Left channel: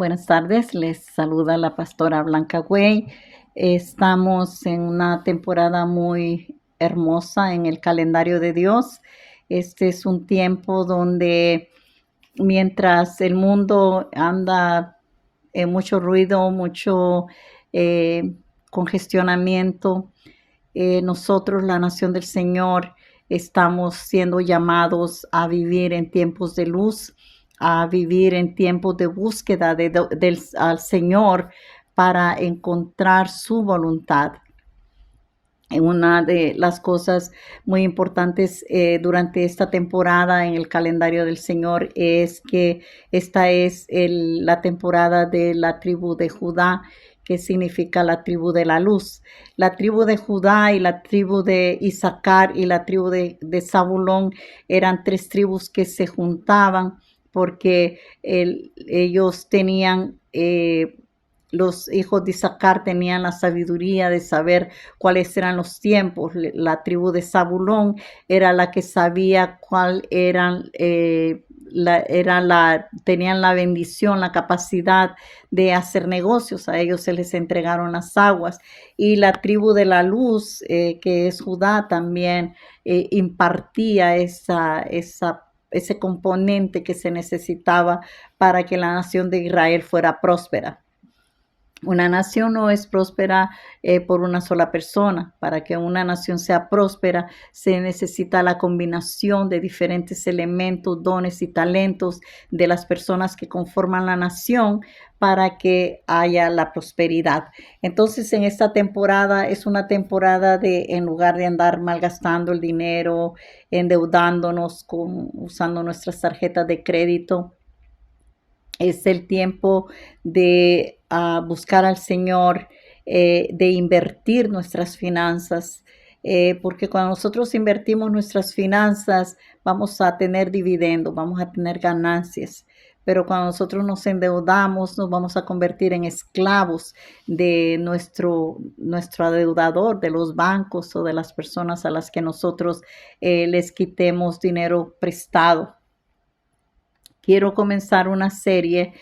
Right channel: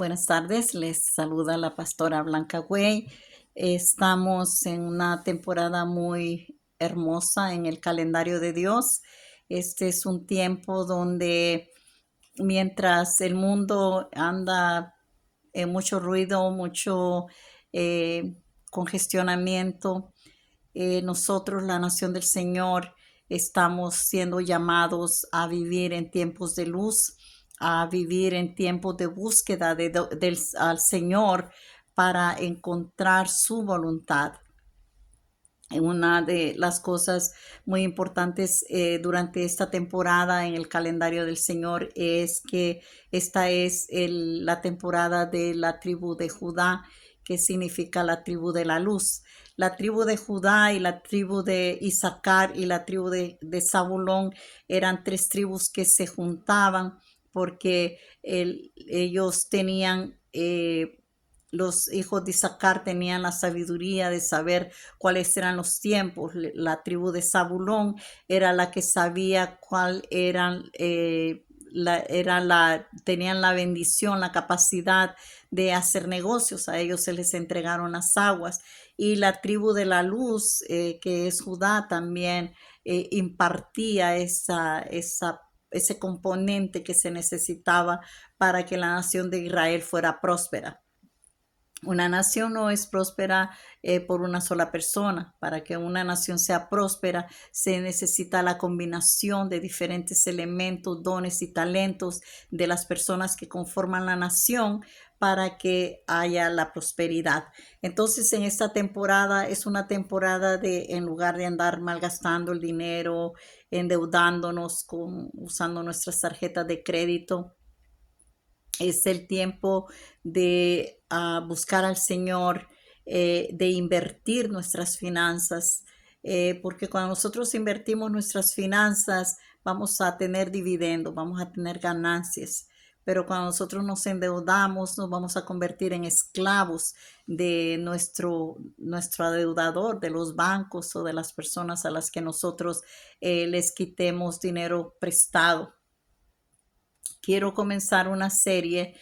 Buenas tardes, les saluda la pastora Blanca Güey. Estamos en una temporada muy hermosa en el calendario de Dios. Este es un tiempo donde mientras el mundo anda en mucho ruido, mucho eh, congestionamiento, nosotros, la nación del Señor, estamos siendo llamados a vivir en tiempos de luz, a vivir en tiempos de búsqueda al Señor para encontrar su voluntad. Una de las cosas muy importantes durante esta temporada en el calendario del Señor es que esta es la temporada de la tribu de Judá, que significa la tribu de la luz. La tribu de Judá y la tribu de Isaacar y la tribu de Zabulón eran tres tribus que se juntaban porque ellos tenían... los hijos de Isaacar tenían la sabiduría de saber cuáles eran los tiempos. La tribu de Zabulón era la que sabía cuál eran, tenían la bendición, la capacidad de hacer negocios. A ellos se les entregaron las aguas. Y la tribu de la luz, que es Judá, también impartía ese componente que se necesitaba para que la nación de Israel fuera próspera. Una nación no es próspera por una sola persona. Para que una nación sea próspera se necesita la combinación de diferentes elementos, dones y talentos de las personas que conforman la nación para que haya la prosperidad. Entonces, en esta temporada es una temporada de, en lugar de andar malgastando el dinero, endeudándonos usando nuestras tarjetas de crédito, es el tiempo de buscar al Señor, de invertir nuestras finanzas, porque cuando nosotros invertimos nuestras finanzas vamos a tener dividendos, vamos a tener ganancias. Pero cuando nosotros nos endeudamos, nos vamos a convertir en esclavos de nuestro adeudador, de los bancos o de las personas a las que nosotros les quitemos dinero prestado. Quiero comenzar una serie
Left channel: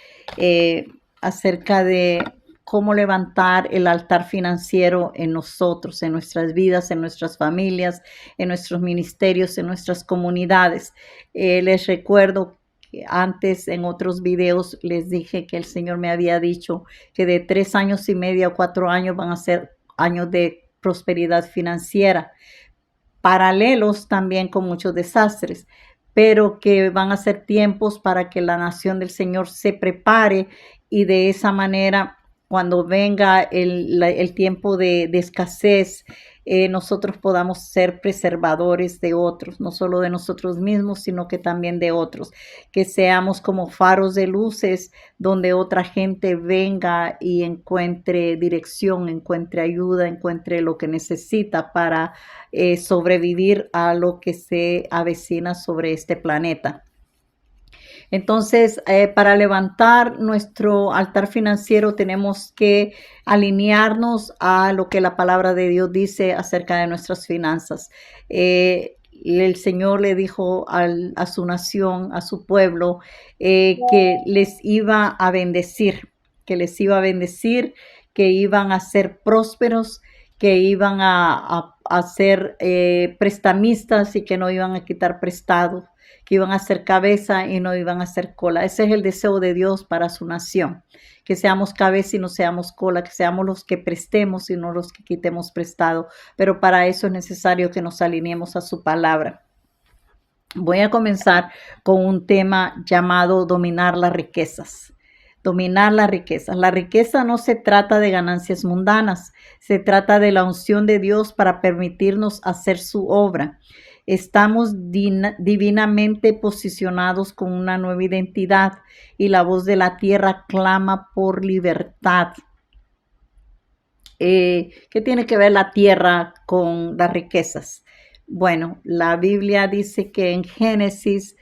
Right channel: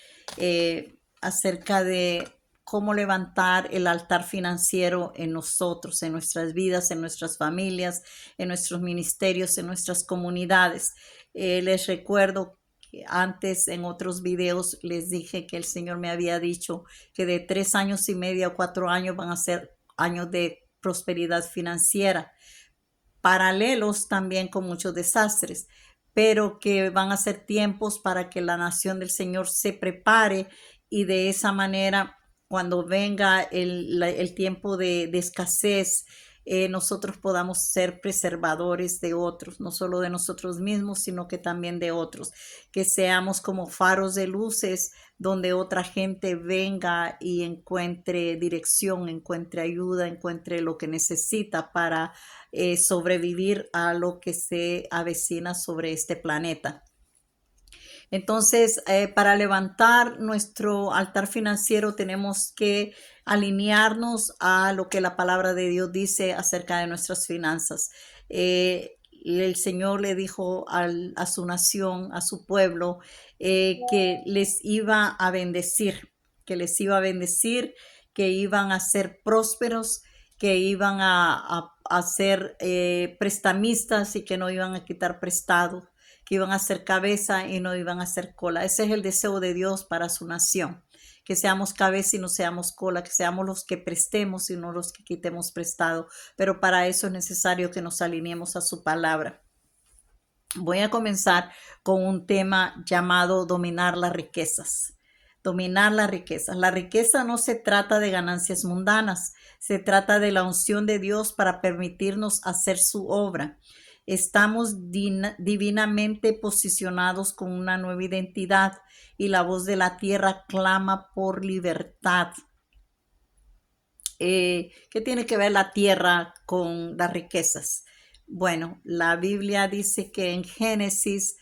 acerca de cómo levantar el altar financiero en nosotros, en nuestras vidas, en nuestras familias, en nuestros ministerios, en nuestras comunidades. Les recuerdo que antes en otros videos les dije que el Señor me había dicho que de 3 años y medio a 4 años van a ser años de prosperidad financiera, paralelos también con muchos desastres, pero que van a ser tiempos para que la nación del Señor se prepare y de esa manera, cuando venga el tiempo de escasez, nosotros podamos ser preservadores de otros, no solo de nosotros mismos, sino que también de otros, que seamos como faros de luces donde otra gente venga y encuentre dirección, encuentre ayuda, encuentre lo que necesita para sobrevivir a lo que se avecina sobre este planeta. Entonces, para levantar nuestro altar financiero tenemos que alinearnos a lo que la palabra de Dios dice acerca de nuestras finanzas. El Señor le dijo a su nación, a su pueblo, que les iba a bendecir, que les iba a bendecir, que iban a ser prósperos, que iban a ser prestamistas y que no iban a quitar prestado, que iban a ser cabeza y no iban a ser cola. Ese es el deseo de Dios para su nación, que seamos cabeza y no seamos cola, que seamos los que prestemos y no los que quitemos prestado. Pero para eso es necesario que nos alineemos a su palabra. Voy a comenzar con un tema llamado dominar las riquezas. Dominar las riquezas. La riqueza no se trata de ganancias mundanas, se trata de la unción de Dios para permitirnos hacer su obra. Estamos divinamente posicionados con una nueva identidad y la voz de la tierra clama por libertad. ¿Qué tiene que ver la tierra con las riquezas? Bueno, la Biblia dice que en Génesis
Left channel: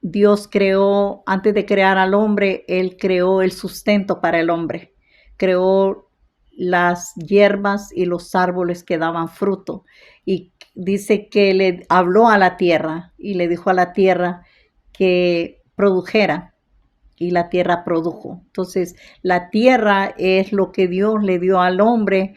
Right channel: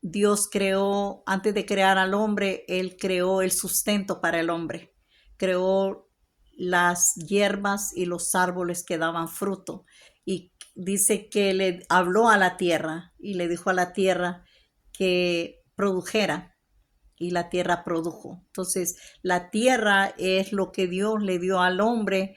Dios creó, antes de crear al hombre, Él creó el sustento para el hombre. Creó las hierbas y los árboles que daban fruto. Y dice que le habló a la tierra y le dijo a la tierra que produjera. y la tierra produjo. Entonces, la tierra es lo que Dios le dio al hombre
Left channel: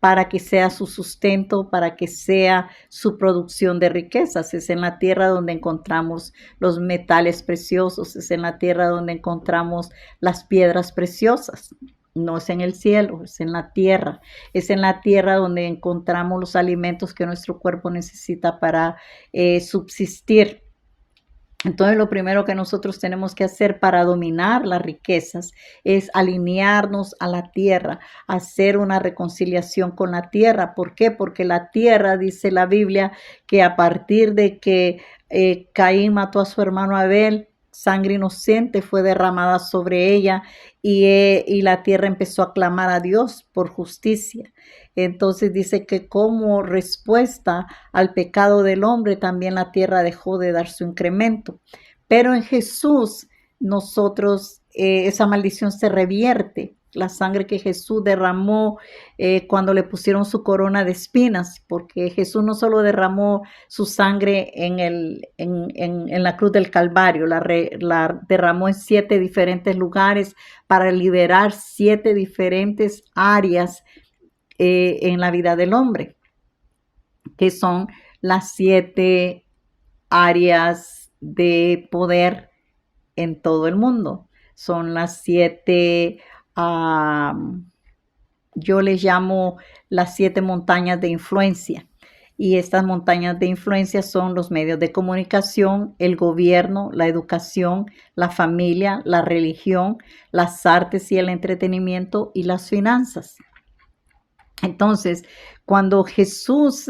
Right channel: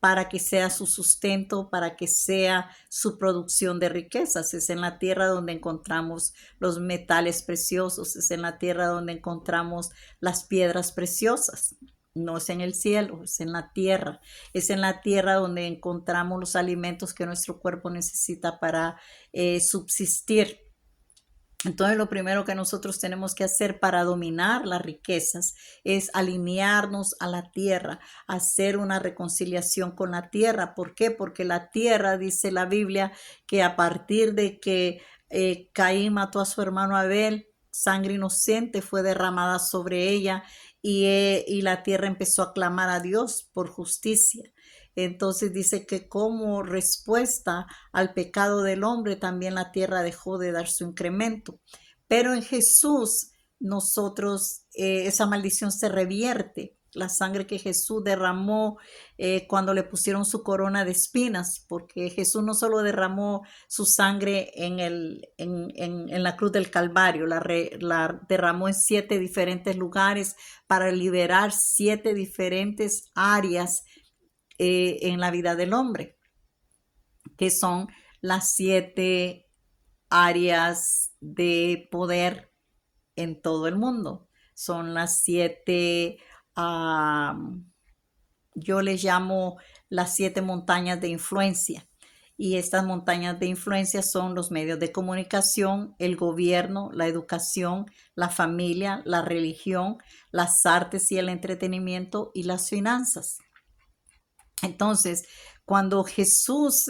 para que sea su sustento, para que sea su producción de riquezas. Es en la tierra donde encontramos los metales preciosos, es en la tierra donde encontramos las piedras preciosas. No es en el cielo, es en la tierra. Es en la tierra donde encontramos los alimentos que nuestro cuerpo necesita para subsistir. Entonces, lo primero que nosotros tenemos que hacer para dominar las riquezas es alinearnos a la tierra, hacer una reconciliación con la tierra. ¿Por qué? Porque la tierra, dice la Biblia, que a partir de que Caín mató a su hermano Abel, sangre inocente fue derramada sobre ella y la tierra empezó a clamar a Dios por justicia. Entonces dice que como respuesta al pecado del hombre, también la tierra dejó de dar su incremento. Pero en Jesús, nosotros, esa maldición se revierte. La sangre que Jesús derramó cuando le pusieron su corona de espinas, porque Jesús no solo derramó su sangre en la cruz del Calvario, la derramó en 7 diferentes lugares para liberar 7 diferentes áreas en la vida del hombre, que son las 7 áreas de poder en todo el mundo. Son las 7, yo les llamo las 7 montañas de influencia. Y estas montañas de influencia son los medios de comunicación, el gobierno, la educación, la familia, la religión, las artes y el entretenimiento y las finanzas. Entonces, cuando Jesús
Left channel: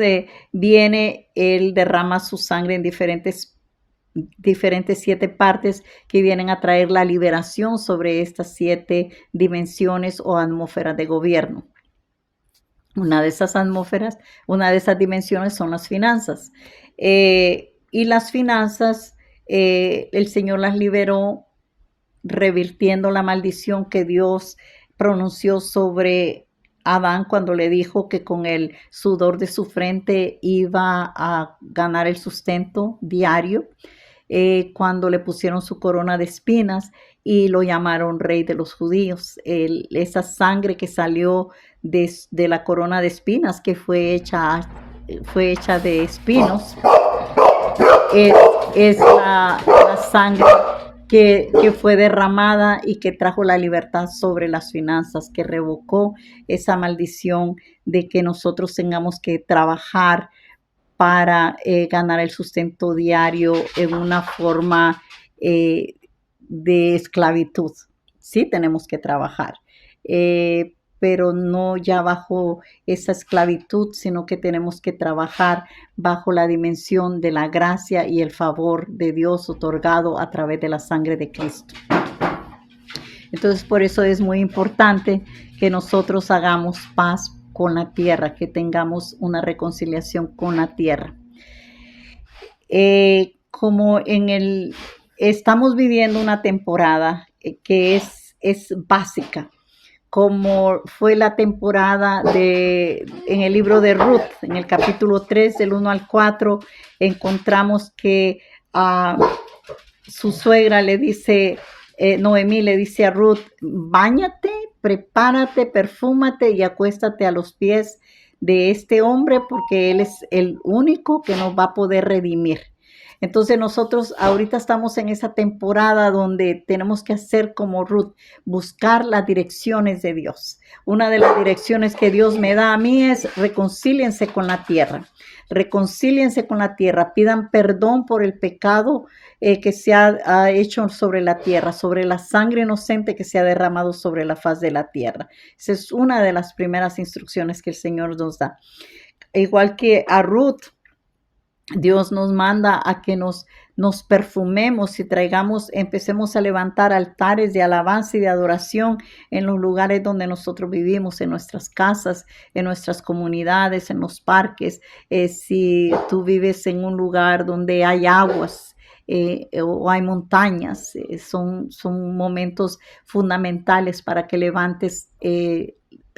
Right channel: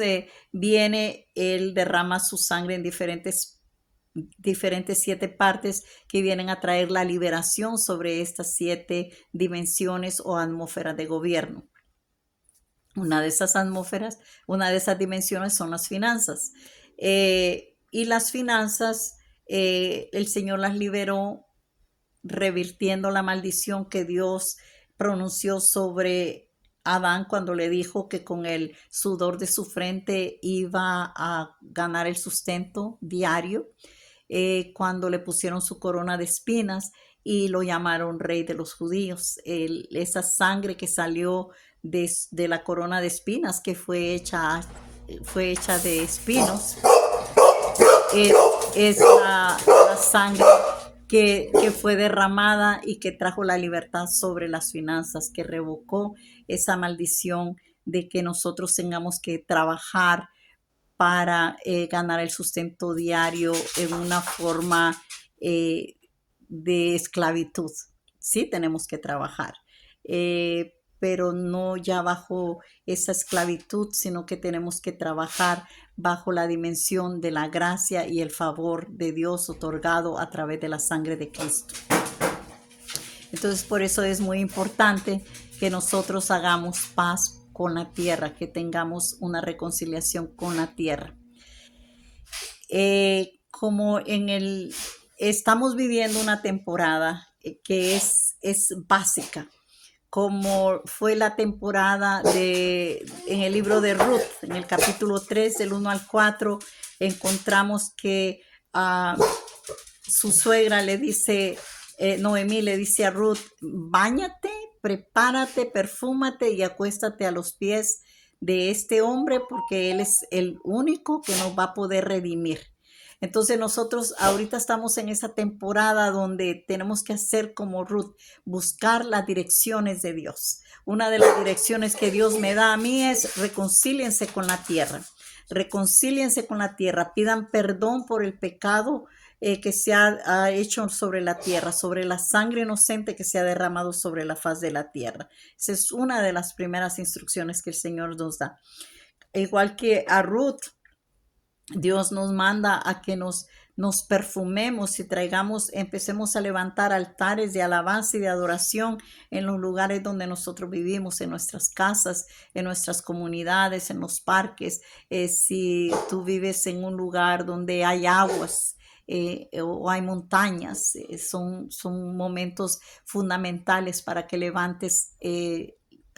viene, Él derrama su sangre en diferentes 7 partes que vienen a traer la liberación sobre estas 7 dimensiones o atmósferas de gobierno. Una de esas atmósferas, una de esas dimensiones son las finanzas. Y las finanzas, el Señor las liberó revirtiendo la maldición que Dios pronunció sobre Adán cuando le dijo que con el sudor de su frente iba a ganar el sustento diario, cuando le pusieron su corona de espinas y lo llamaron rey de los judíos. Esa sangre que salió de la corona de espinas, que fue hecha de espinos, es la sangre que fue derramada y que trajo la libertad sobre las finanzas, que revocó esa maldición de que nosotros tengamos que trabajar para ganar el sustento diario en una forma de esclavitud. Sí tenemos que trabajar, pero no ya bajo esa esclavitud, sino que tenemos que trabajar bajo la dimensión de la gracia y el favor de Dios otorgado a través de la sangre de Cristo. Entonces, por eso es muy importante que nosotros hagamos paz con la tierra, que tengamos una reconciliación con la tierra. Como estamos viviendo una temporada que es básica, como fue la temporada en el libro de Ruth, en el capítulo 3, del 1 al 4, encontramos que su suegra le dice, Noemí le dice a Ruth, báñate, prepárate, perfúmate y acuéstate a los pies de este hombre porque él es el único que nos va a poder redimir. Entonces nosotros ahorita estamos en esa temporada donde tenemos que hacer como Ruth, buscar las direcciones de Dios. Una de las direcciones que Dios me da a mí es reconcíliense con la tierra. Reconcíliense con la tierra, pidan perdón por el pecado que se ha hecho sobre la tierra, sobre la sangre inocente que se ha derramado sobre la faz de la tierra. Esa es una de las primeras instrucciones que el Señor nos da. Igual que a Ruth, Dios nos manda a que nos perfumemos y empecemos a levantar altares de alabanza y de adoración en los lugares donde nosotros vivimos, en nuestras casas, en nuestras comunidades, en los parques. Si tú vives en un lugar donde hay aguas, o hay montañas, son momentos fundamentales para que levantes el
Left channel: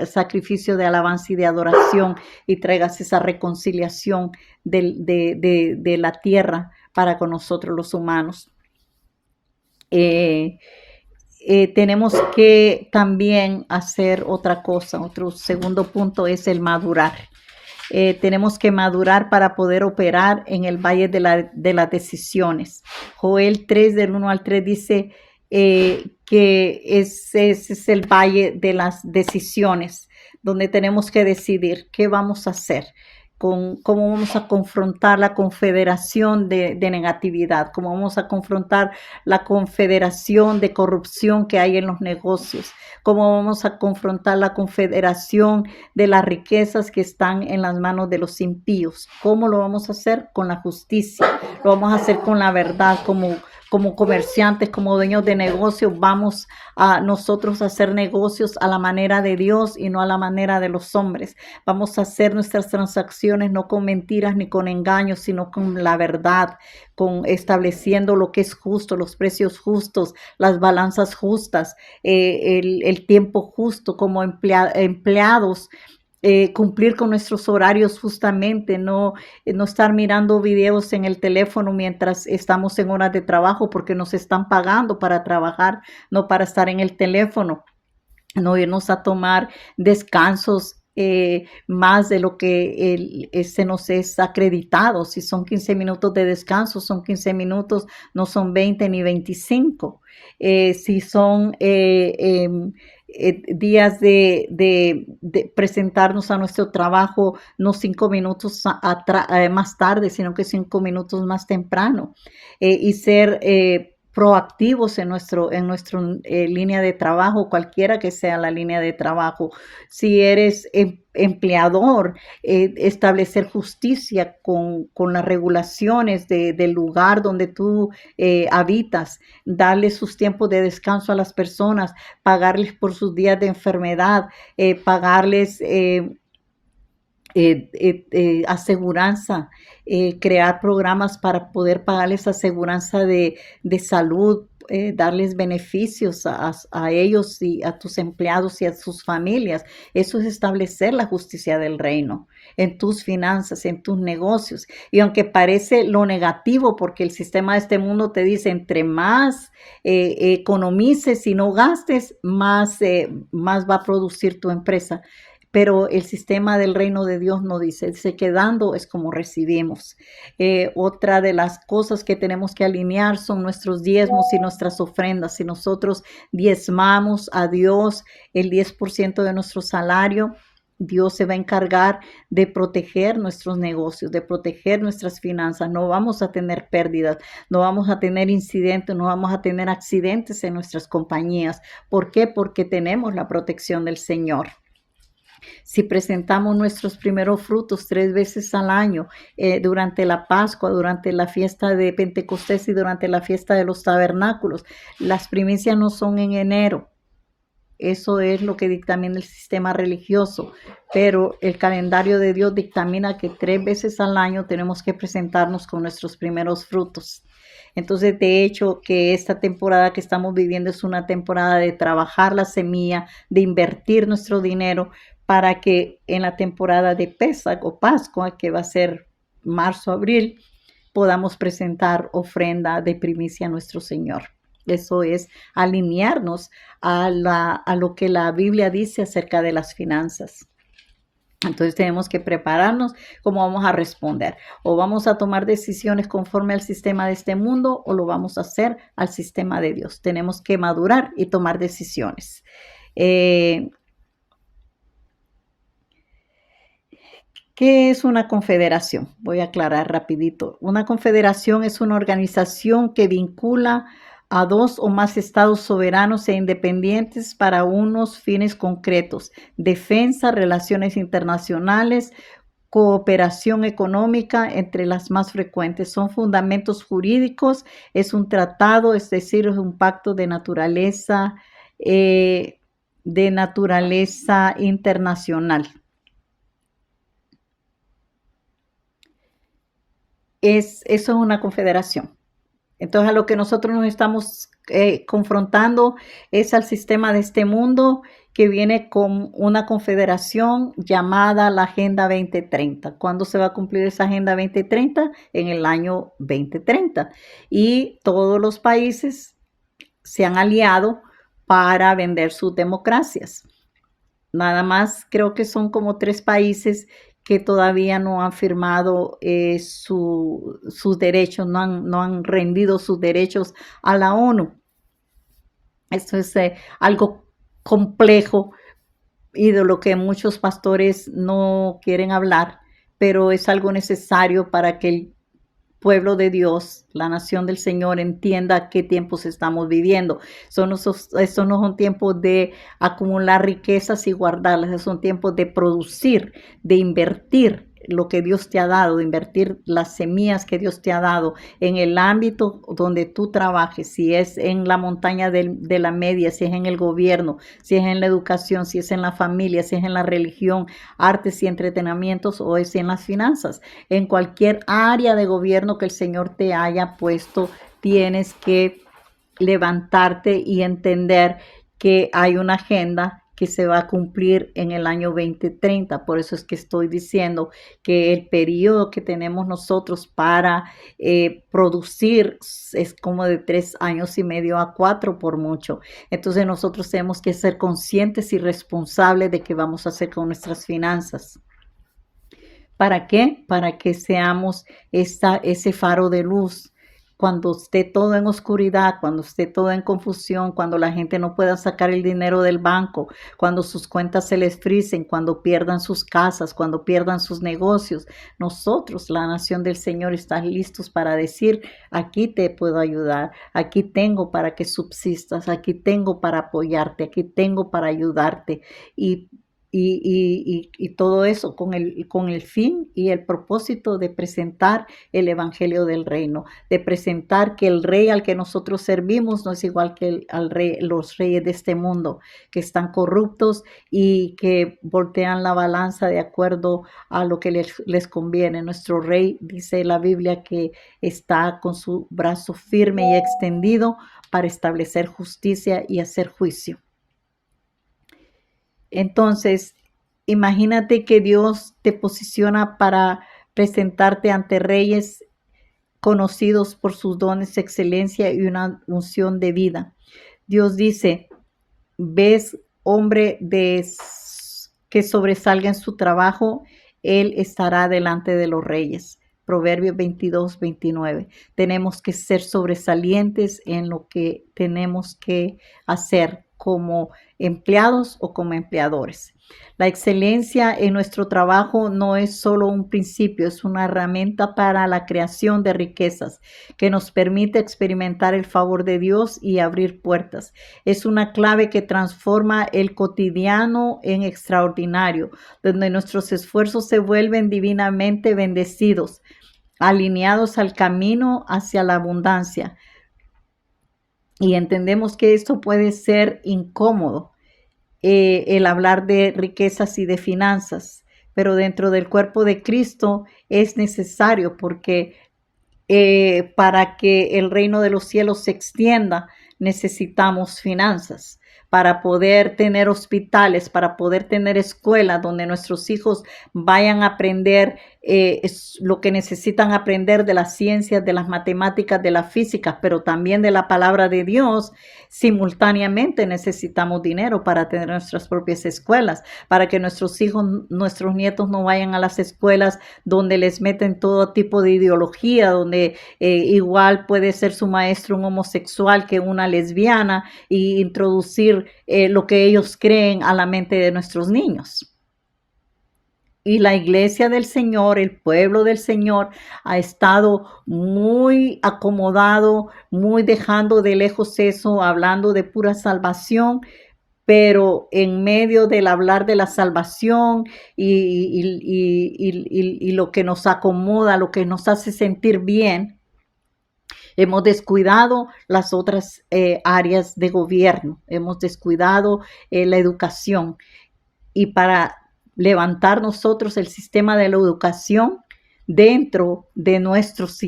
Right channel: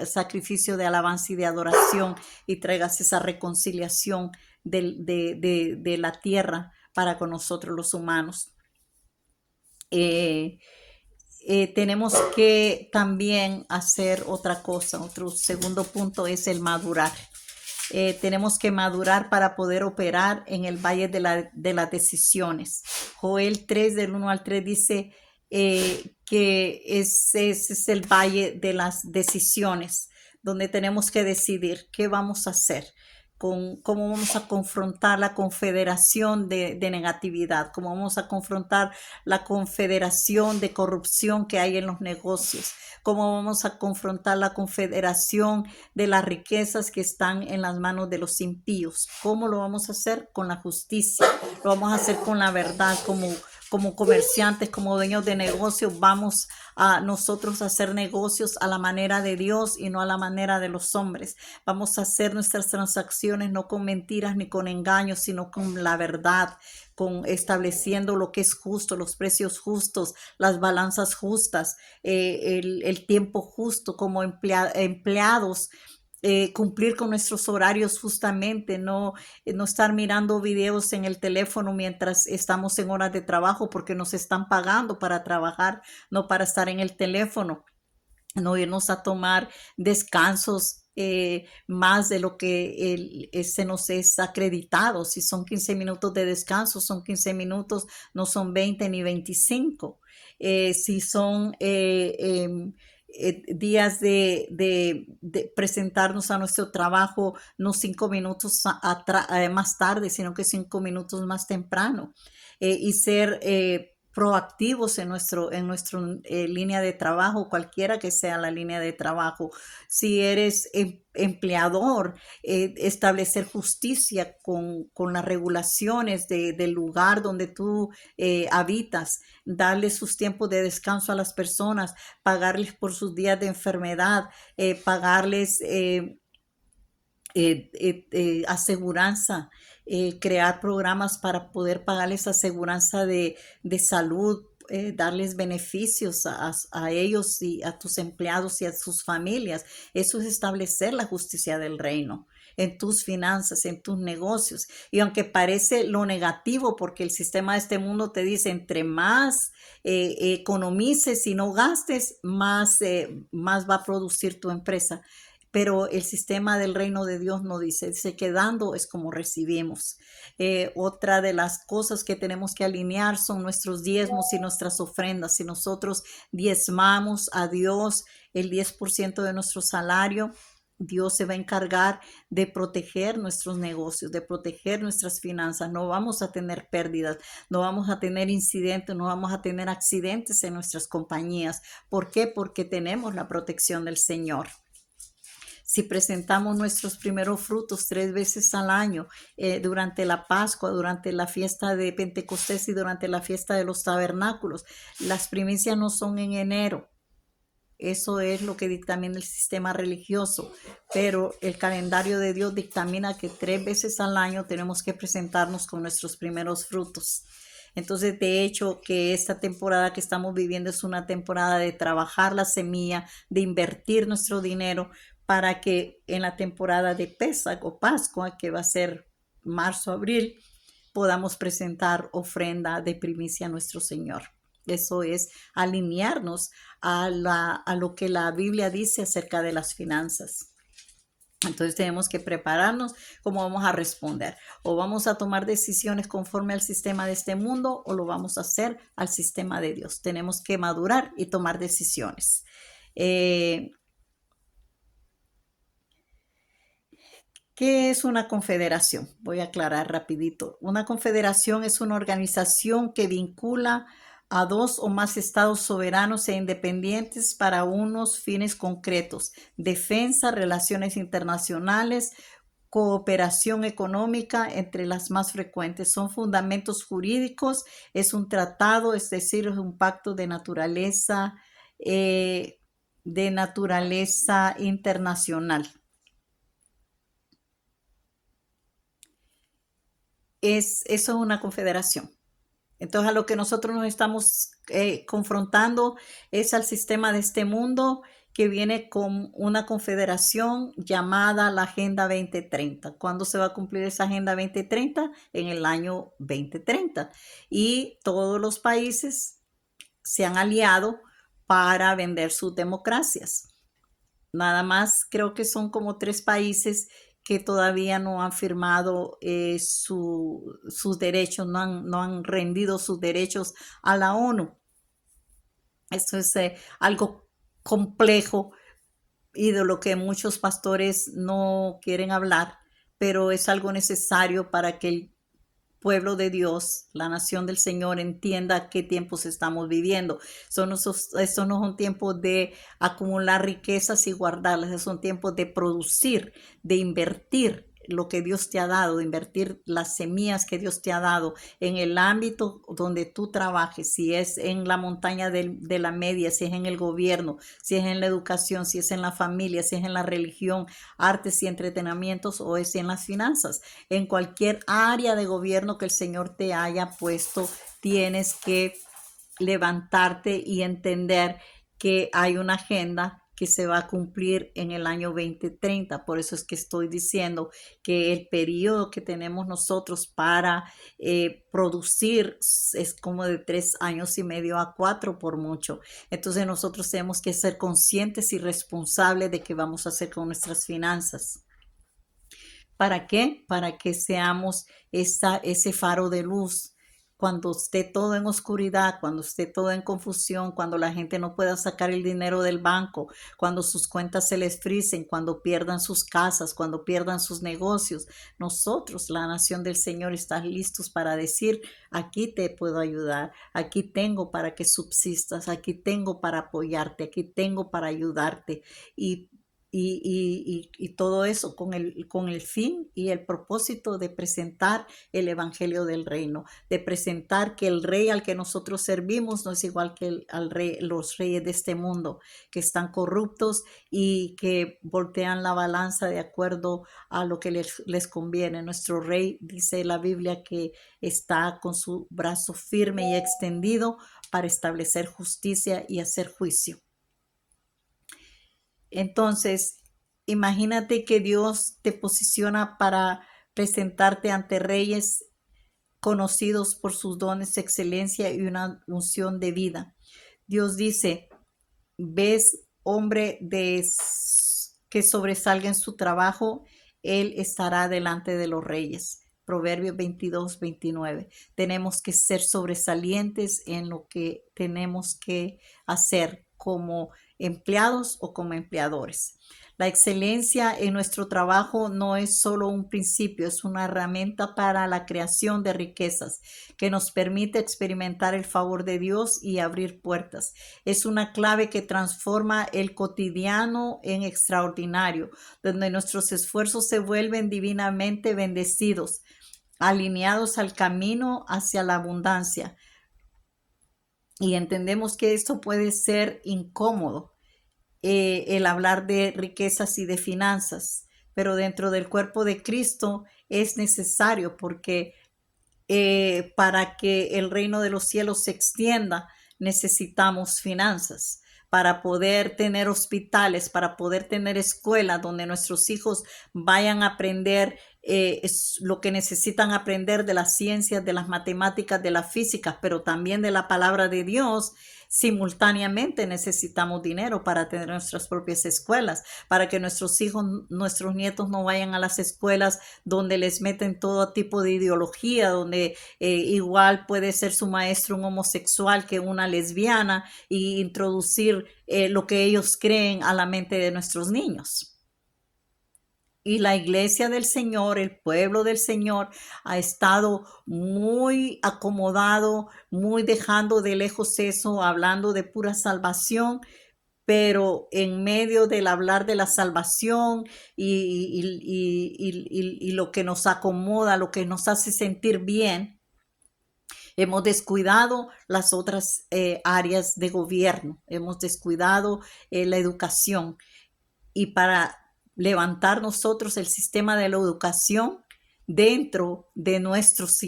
sacrificio de alabanza y de adoración y traigas esa reconciliación de la tierra para con nosotros los humanos. tenemos que también hacer otra cosa. Otro segundo punto es el madurar. Tenemos que madurar para poder operar en el valle de las decisiones. Joel 3, del 1 al 3 dice que ese es el valle de las decisiones, donde tenemos que decidir qué vamos a hacer, cómo vamos a confrontar la confederación de negatividad, cómo vamos a confrontar la confederación de corrupción que hay en los negocios, cómo vamos a confrontar la confederación de las riquezas que están en las manos de los impíos. ¿Cómo lo vamos a hacer? Con la justicia, lo vamos a hacer con la verdad, como comerciantes, como dueños de negocios, vamos a nosotros a hacer negocios a la manera de Dios y no a la manera de los hombres. Vamos a hacer nuestras transacciones no con mentiras ni con engaños, sino con la verdad, con estableciendo lo que es justo, los precios justos, las balanzas justas, el tiempo justo como empleados. Cumplir con nuestros horarios justamente, no estar mirando videos en el teléfono mientras estamos en horas de trabajo porque nos están pagando para trabajar, no para estar en el teléfono, no irnos a tomar descansos más de lo que se nos es acreditado. Si son 15 minutos de descanso, son 15 minutos, no son 20 ni 25. Si son días de presentarnos a nuestro trabajo, no 5 minutos más tarde, sino que 5 minutos más temprano, y ser proactivos en nuestra línea de trabajo, cualquiera que sea la línea de trabajo. Si eres empleador, establecer justicia con las regulaciones del lugar donde tú habitas, darles sus tiempos de descanso a las personas, pagarles por sus días de enfermedad, pagarles aseguranza, crear programas para poder pagarles aseguranza de salud, darles beneficios a ellos y a tus empleados y a sus familias. Eso es establecer la justicia del reino en tus finanzas, en tus negocios. Y aunque parece lo negativo, porque el sistema de este mundo te dice, entre más economices y no gastes, más va a producir tu empresa. Pero el sistema del reino de Dios no dice que dando es como recibimos. Otra de las cosas que tenemos que alinear son nuestros diezmos y nuestras ofrendas. Si nosotros diezmamos a Dios el 10% de nuestro salario, Dios se va a encargar de proteger nuestros negocios, de proteger nuestras finanzas. No vamos a tener pérdidas, no vamos a tener incidentes, no vamos a tener accidentes en nuestras compañías. ¿Por qué? Porque tenemos la protección del Señor. Si presentamos nuestros primeros frutos 3 veces al año, durante la Pascua, durante la fiesta de Pentecostés y durante la fiesta de los tabernáculos, las primicias no son en enero. Eso es lo que dictamina el sistema religioso, pero el calendario de Dios dictamina que 3 veces al año tenemos que presentarnos con nuestros primeros frutos. Entonces, de hecho, que esta temporada que estamos viviendo es una temporada de trabajar la semilla, de invertir nuestro dinero para que en la temporada de Pesach o Pascua, que va a ser marzo, abril, podamos presentar ofrenda de primicia a nuestro Señor. Eso es alinearnos a lo que la Biblia dice acerca de las finanzas. Entonces tenemos que prepararnos cómo vamos a responder. O vamos a tomar decisiones conforme al sistema de este mundo o lo vamos a hacer al sistema de Dios. Tenemos que madurar y tomar decisiones. ¿Qué es una confederación? Voy a aclarar rapidito. Una confederación es una organización que vincula a 2 o más estados soberanos e independientes para unos fines concretos: defensa, relaciones internacionales, cooperación económica, entre las más frecuentes. Son fundamentos jurídicos, es un tratado, es decir, es un pacto de naturaleza internacional. Eso es una confederación. Entonces, a lo que nosotros nos estamos confrontando es al sistema de este mundo que viene con una confederación llamada la Agenda 2030. ¿Cuándo se va a cumplir esa Agenda 2030? En el año 2030. Y todos los países se han aliado para vender sus democracias. Nada más creo que son como 3 países que todavía no han firmado sus derechos, no han rendido sus derechos a la ONU. Esto es algo complejo y de lo que muchos pastores no quieren hablar, pero es algo necesario para que el pueblo de Dios, la nación del Señor, entienda qué tiempos estamos viviendo. Estos no son tiempos de acumular riquezas y guardarlas, son tiempos de producir, de invertir lo que Dios te ha dado, de invertir las semillas que Dios te ha dado en el ámbito donde tú trabajes, si es en la montaña de la media, si es en el gobierno, si es en la educación, si es en la familia, si es en la religión, artes y entretenimientos o es en las finanzas. En cualquier área de gobierno que el Señor te haya puesto, tienes que levantarte y entender que hay una agenda que se va a cumplir en el año 2030. Por eso es que estoy diciendo que el periodo que tenemos nosotros para producir es como de 3 años y medio a 4 por mucho. Entonces nosotros tenemos que ser conscientes y responsables de qué vamos a hacer con nuestras finanzas. ¿Para qué? Para que seamos ese faro de luz. Cuando esté todo en oscuridad, cuando esté todo en confusión, cuando la gente no pueda sacar el dinero del banco, cuando sus cuentas se les frisen, cuando pierdan sus casas, cuando pierdan sus negocios, nosotros, la nación del Señor, está listos para decir, aquí te puedo ayudar, aquí tengo para que subsistas, aquí tengo para apoyarte, aquí tengo para ayudarte. Y y todo eso con el fin y el propósito de presentar el Evangelio del Reino, de presentar que el rey al que nosotros servimos no es igual que al rey, los reyes de este mundo, que están corruptos y que voltean la balanza de acuerdo a lo que les conviene. Nuestro rey, dice la Biblia, que está con su brazo firme y extendido para establecer justicia y hacer juicio. Entonces, imagínate que Dios te posiciona para presentarte ante reyes conocidos por sus dones, excelencia y una unción de vida. Dios dice, ves hombre que sobresalga en su trabajo, él estará delante de los reyes. Proverbios 22-29. Tenemos que ser sobresalientes en lo que tenemos que hacer como empleados o como empleadores. La excelencia en nuestro trabajo no es solo un principio, es una herramienta para la creación de riquezas que nos permite experimentar el favor de Dios y abrir puertas. Es una clave que transforma el cotidiano en extraordinario, donde nuestros esfuerzos se vuelven divinamente bendecidos, alineados al camino hacia la abundancia. Y entendemos que esto puede ser incómodo, el hablar de riquezas y de finanzas, pero dentro del cuerpo de Cristo es necesario porque para que el reino de los cielos se extienda, necesitamos finanzas para poder tener hospitales, para poder tener escuelas donde nuestros hijos vayan a aprender lo que necesitan aprender de las ciencias, de las matemáticas, de la física, pero también de la palabra de Dios. Simultáneamente necesitamos dinero para tener nuestras propias escuelas, para que nuestros hijos, nuestros nietos no vayan a las escuelas donde les meten todo tipo de ideología, donde igual puede ser su maestro un homosexual que una lesbiana y introducir lo que ellos creen a la mente de nuestros niños. Y la iglesia del Señor, el pueblo del Señor, ha estado muy acomodado, muy dejando de lejos eso, hablando de pura salvación, pero en medio del hablar de la salvación y lo que nos acomoda, lo que nos hace sentir bien, hemos descuidado las otras áreas de gobierno, hemos descuidado la educación. Y para levantar nosotros el sistema de la educación dentro de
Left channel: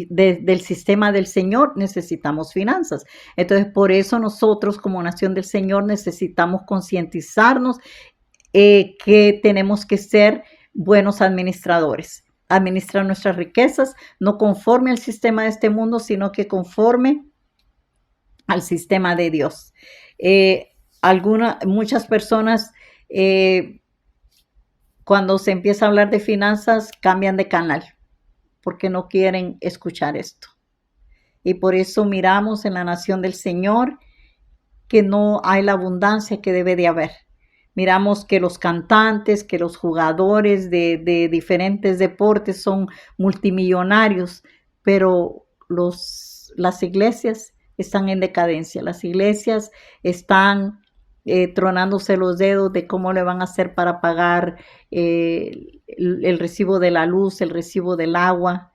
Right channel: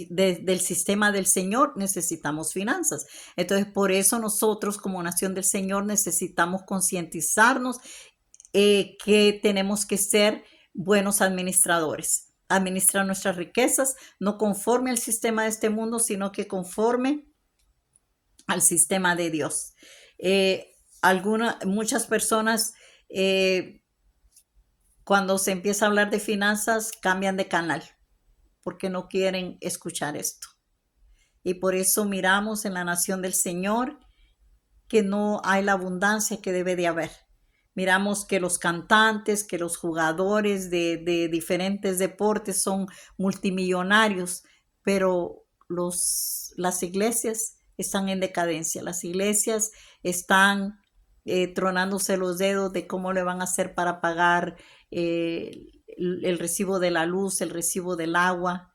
del sistema del Señor, necesitamos finanzas. Entonces, por eso nosotros como nación del Señor necesitamos concientizarnos que tenemos que ser buenos administradores, administrar nuestras riquezas, no conforme al sistema de este mundo, sino que conforme al sistema de Dios. Muchas personas, cuando se empieza a hablar de finanzas, cambian de canal porque no quieren escuchar esto. Y por eso miramos en la nación del Señor que no hay la abundancia que debe de haber. Miramos que los cantantes, que los jugadores de diferentes deportes son multimillonarios, pero las iglesias están en decadencia. Las iglesias están tronándose los dedos de cómo le van a hacer para pagar el recibo de la luz, el recibo del agua,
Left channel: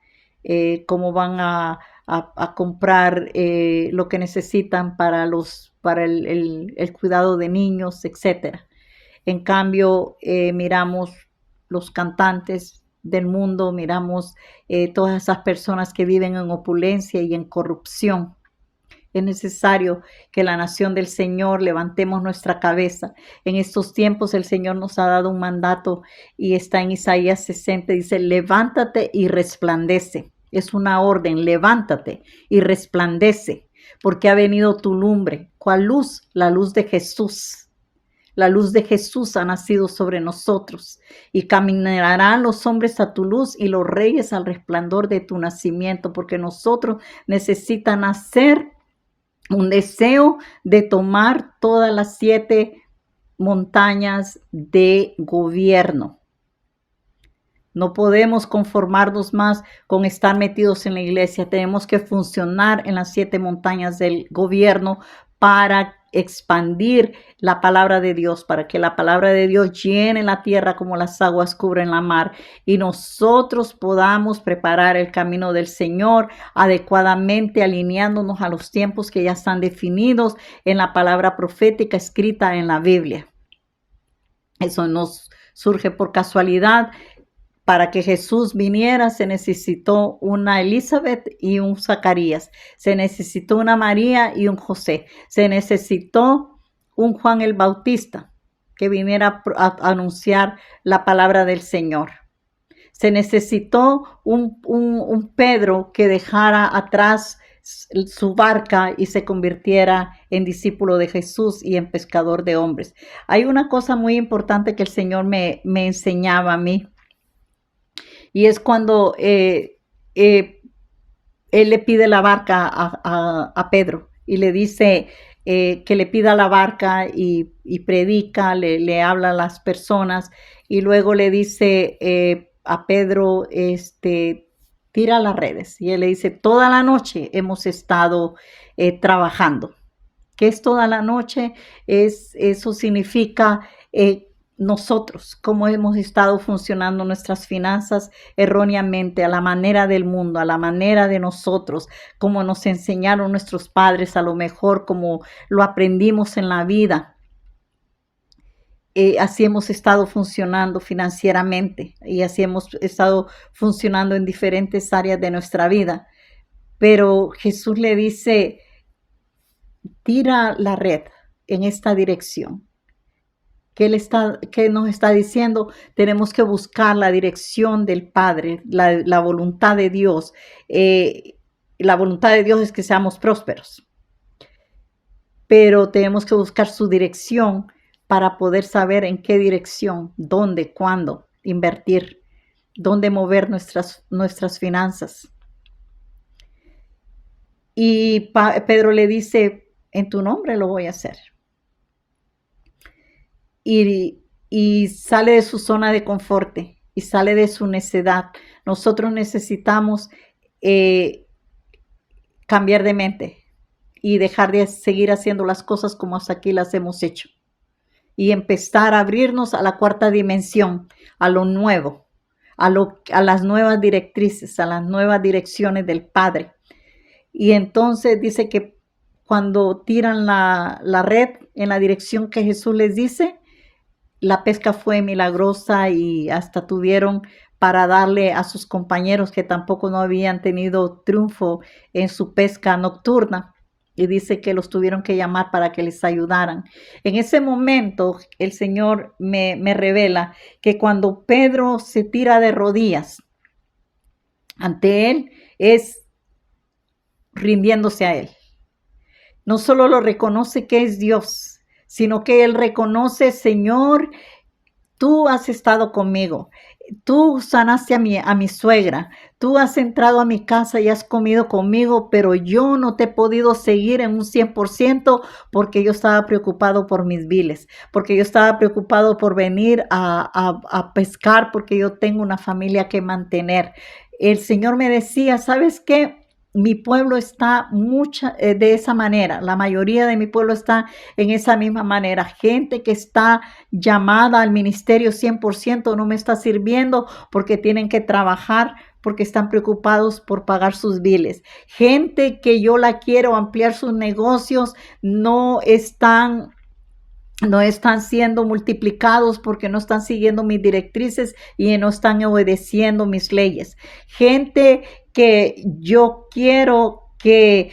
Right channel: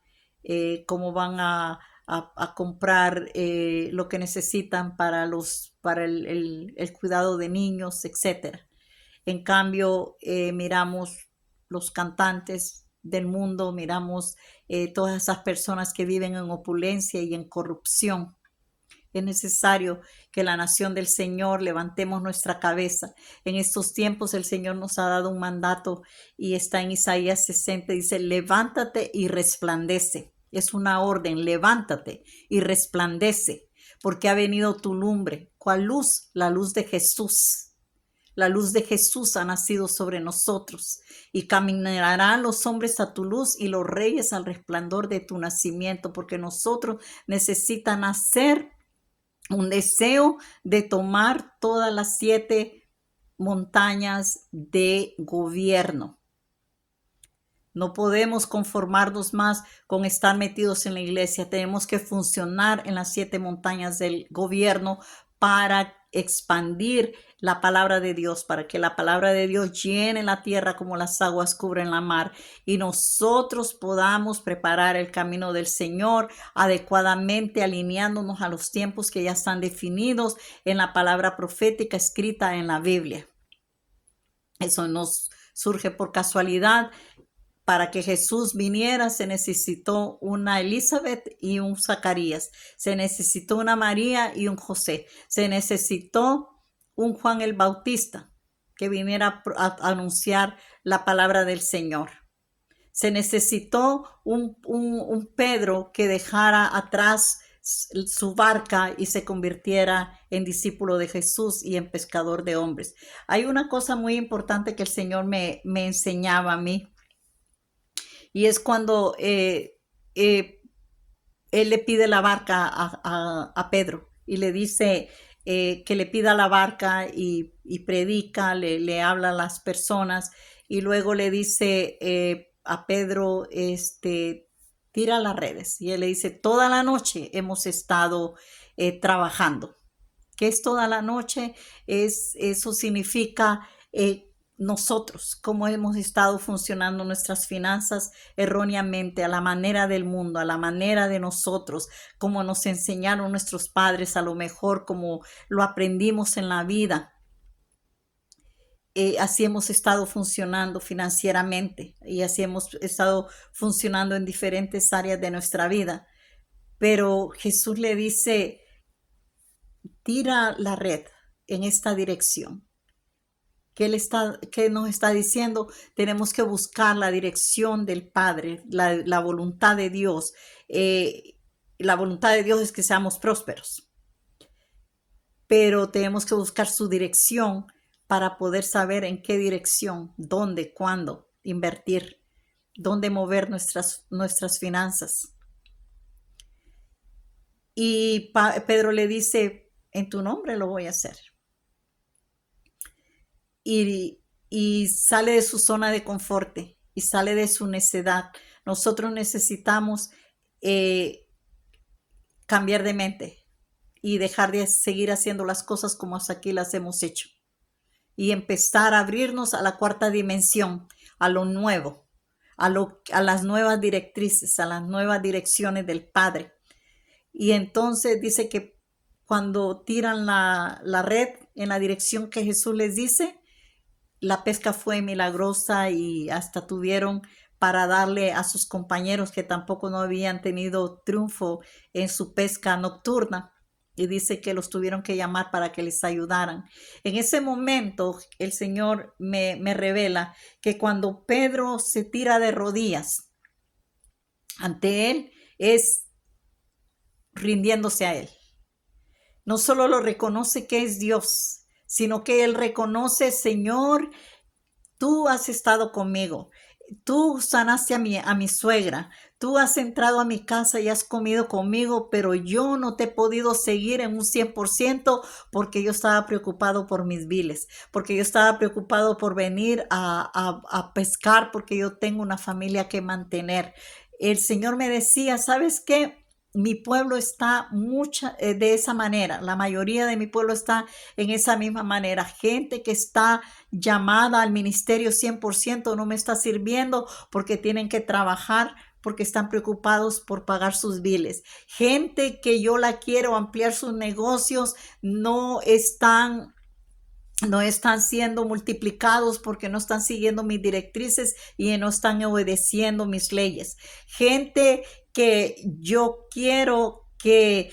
cómo van a comprar lo que necesitan para el cuidado de niños, etcétera. En cambio, miramos los cantantes del mundo, miramos todas esas personas que viven en opulencia y en corrupción. Es necesario que la nación del Señor levantemos nuestra cabeza. En estos tiempos el Señor nos ha dado un mandato y está en Isaías 60, dice, levántate y resplandece. Es una orden, levántate y resplandece, porque ha venido tu lumbre. ¿Cuál luz? La luz de Jesús. La luz de Jesús ha nacido sobre nosotros y caminarán los hombres a tu luz y los reyes al resplandor de tu nacimiento, porque nosotros necesitamos nacer un deseo de tomar todas las 7 montañas de gobierno. No podemos conformarnos más con estar metidos en la iglesia. Tenemos que funcionar en las 7 montañas del gobierno para expandir la palabra de Dios, para que la palabra de Dios llene la tierra como las aguas cubren la mar y nosotros podamos preparar el camino del Señor adecuadamente, alineándonos a los tiempos que ya están definidos en la palabra profética escrita en la Biblia. Eso nos surge por casualidad. Para que Jesús viniera se necesitó una Elizabeth y un Zacarías, se necesitó una María y un José, se necesitó un Juan el Bautista que viniera a anunciar la palabra del Señor. Se necesitó un Pedro que dejara atrás su barca y se convirtiera en discípulo de Jesús y en pescador de hombres. Hay una cosa muy importante que el Señor me enseñaba a mí. Y es cuando él le pide la barca a Pedro y le dice que le pida la barca y predica, le habla a las personas y luego le dice a Pedro, tira las redes. Y él le dice, toda la noche hemos estado trabajando. ¿Qué es toda la noche? Eso significa nosotros, cómo hemos estado funcionando nuestras finanzas erróneamente, a la manera del mundo, a la manera de nosotros, como nos enseñaron nuestros padres, a lo mejor como lo aprendimos en la vida. Así hemos estado funcionando financieramente y así hemos estado funcionando en diferentes áreas de nuestra vida. Pero Jesús le dice, tira la red en esta dirección. ¿Qué nos está diciendo? Tenemos que buscar la dirección del Padre, la voluntad de Dios. La voluntad de Dios es que seamos prósperos, pero tenemos que buscar su dirección para poder saber en qué dirección, dónde, cuándo invertir, dónde mover nuestras finanzas. Y Pedro le dice, en tu nombre lo voy a hacer. Y sale de su zona de confort y sale de su necedad. Nosotros necesitamos cambiar de mente y dejar de seguir haciendo las cosas como hasta aquí las hemos hecho y empezar a abrirnos a la 4ª dimensión, a lo nuevo, a las nuevas directrices, a las nuevas direcciones del Padre. Y entonces dice que cuando tiran la red en la dirección que Jesús les dice, la pesca fue milagrosa y hasta tuvieron para darle a sus compañeros que tampoco no habían tenido triunfo en su pesca nocturna. Y dice que los tuvieron que llamar para que les ayudaran. En ese momento el Señor me revela que cuando Pedro se tira de rodillas ante él, es rindiéndose a él. No solo lo reconoce que es Dios, sino que él reconoce, Señor, tú has estado conmigo. Tú sanaste a mi suegra. Tú has entrado a mi casa y has comido conmigo, pero yo no te he podido seguir en un 100% porque yo estaba preocupado por mis biles, porque yo estaba preocupado por venir a pescar, porque yo tengo una familia que mantener. El Señor me decía, ¿sabes qué? Mi pueblo está de esa manera. La mayoría de mi pueblo está en esa misma manera. Gente que está llamada al ministerio 100% no me está sirviendo porque tienen que trabajar, porque están preocupados por pagar sus biles. Gente que yo la quiero ampliar sus negocios no están siendo multiplicados porque no están siguiendo mis directrices y no están obedeciendo mis leyes. Gente que yo quiero que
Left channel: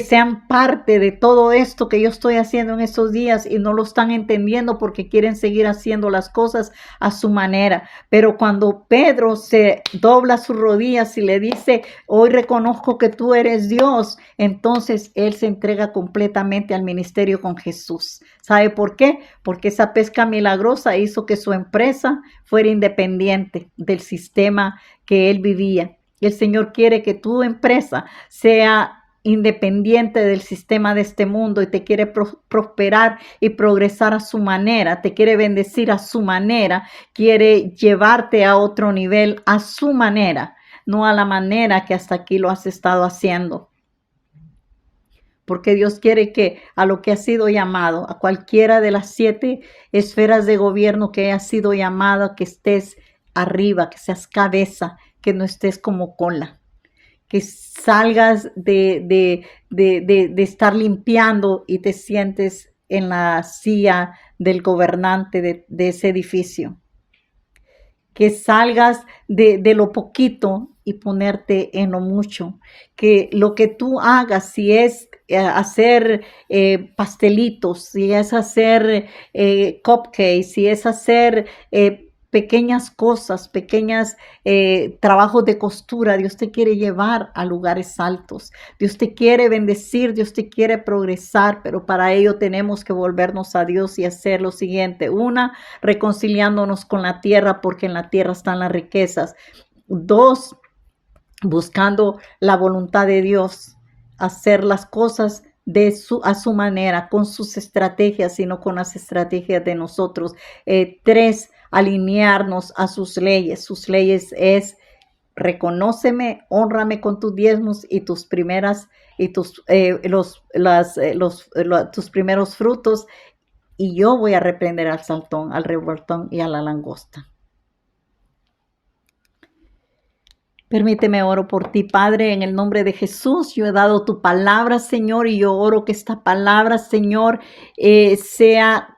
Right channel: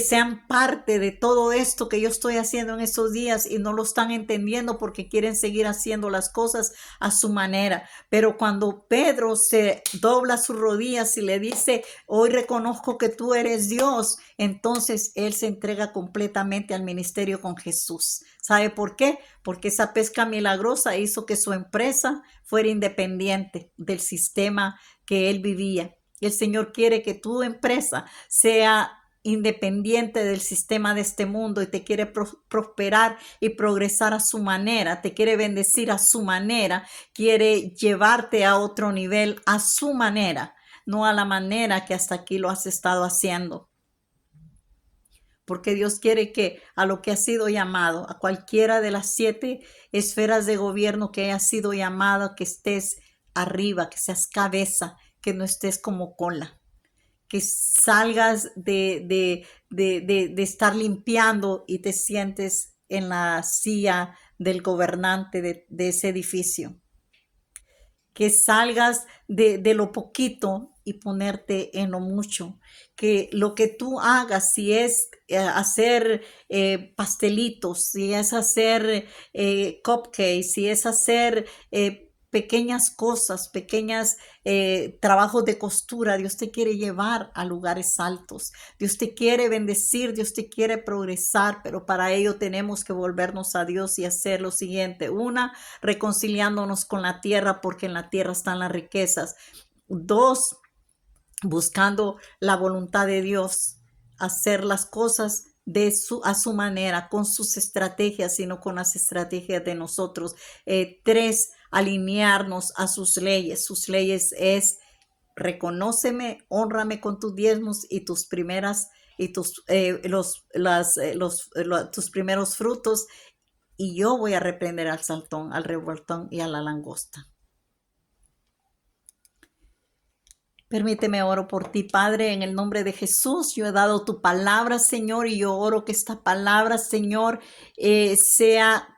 sean parte de todo esto que yo estoy haciendo en estos días y no lo están entendiendo porque quieren seguir haciendo las cosas a su manera. Pero cuando Pedro se dobla sus rodillas y le dice, hoy reconozco que tú eres Dios, entonces él se entrega completamente al ministerio con Jesús. ¿Sabe por qué? Porque esa pesca milagrosa hizo que su empresa fuera independiente del sistema que él vivía. Y el Señor quiere que tu empresa sea independiente del sistema de este mundo y te quiere prosperar y progresar a su manera, te quiere bendecir a su manera, quiere llevarte a otro nivel a su manera, no a la manera que hasta aquí lo has estado haciendo. Porque Dios quiere que a lo que has sido llamado, a cualquiera de las 7 esferas de gobierno que has sido llamado, que estés arriba, que seas cabeza, que no estés como cola. Que salgas de estar limpiando y te sientes en la silla del gobernante de ese edificio. Que salgas de lo poquito y ponerte en lo mucho. Que lo que tú hagas, si es hacer pastelitos, si es hacer cupcakes, si es hacer pequeñas cosas, pequeñas trabajos de costura, Dios te quiere llevar a lugares altos. Dios te quiere bendecir, Dios te quiere progresar, pero para ello tenemos que volvernos a Dios y hacer lo siguiente. 1, reconciliándonos con la tierra, porque en la tierra están las riquezas. 2, buscando la voluntad de Dios, hacer las cosas a su manera, con sus estrategias y no con las estrategias de nosotros. 3, alinearnos a sus leyes. Sus leyes es reconóceme, honrame con tus diezmos y tus primeras y tus tus primeros frutos, y yo voy a reprender al saltón, al revoltón y a la langosta. Permíteme, oro por ti, Padre, en el nombre de Jesús. Yo he dado tu palabra, Señor, y yo oro que esta palabra, Señor, sea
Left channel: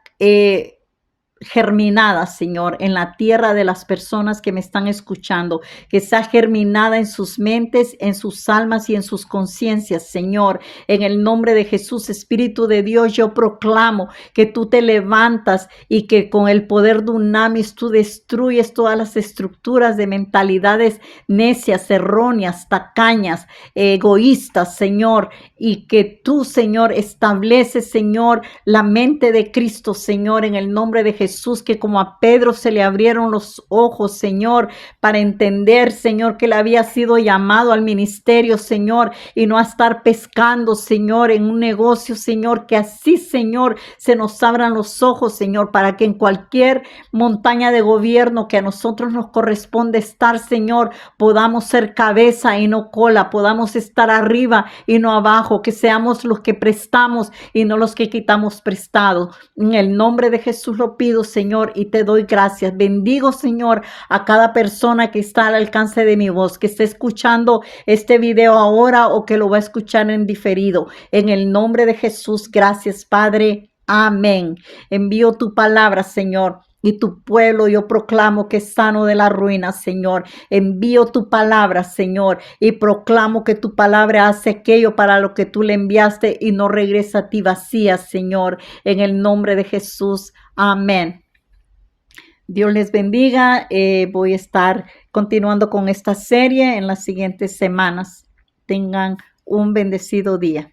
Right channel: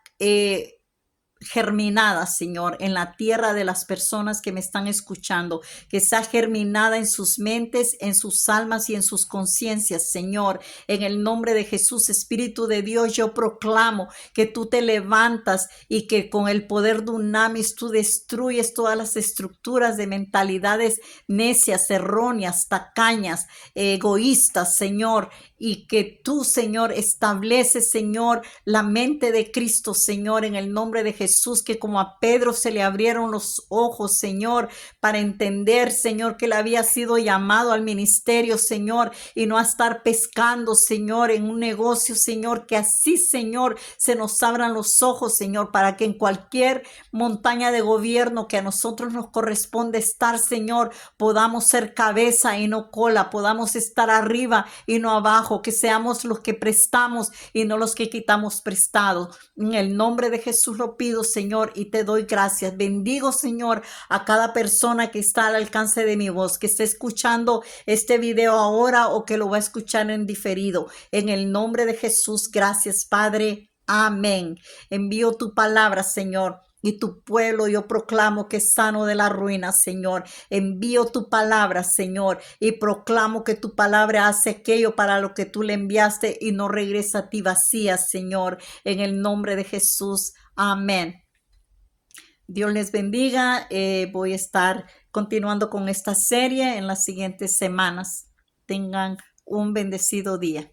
germinada, Señor, en la tierra de las personas que me están escuchando, que sea germinada en sus mentes, en sus almas y en sus conciencias, Señor. En el nombre de Jesús, Espíritu de Dios, yo proclamo que tú te levantas y que con el poder de Unamis tú destruyes todas las estructuras de mentalidades necias, erróneas, tacañas, egoístas, Señor, y que tú, Señor, estableces, Señor, la mente de Cristo, Señor, en el nombre de Jesús, que como a Pedro se le abrieron los ojos, Señor, para entender, Señor, que él había sido llamado al ministerio, Señor, y no a estar pescando, Señor, en un negocio, Señor, que así, Señor, se nos abran los ojos, Señor, para que en cualquier montaña de gobierno que a nosotros nos corresponde estar, Señor, podamos ser cabeza y no cola, podamos estar arriba y no abajo, que seamos los que prestamos y no los que quitamos prestado. En el nombre de Jesús lo pido, Señor, y te doy gracias. Bendigo, Señor, a cada persona que está al alcance de mi voz, que esté escuchando este video ahora o que lo va a escuchar en diferido. En el nombre de Jesús, gracias, Padre. Amén. Envío tu palabra, Señor. Y tu pueblo yo proclamo que es sano de la ruina, Señor. Envío tu palabra, Señor, y proclamo que tu palabra hace aquello para lo que tú le enviaste y no regresa a ti vacía, Señor. En el nombre de Jesús. Amén. Dios les bendiga. Voy a estar continuando con esta serie en las siguientes semanas. Tengan un bendecido día.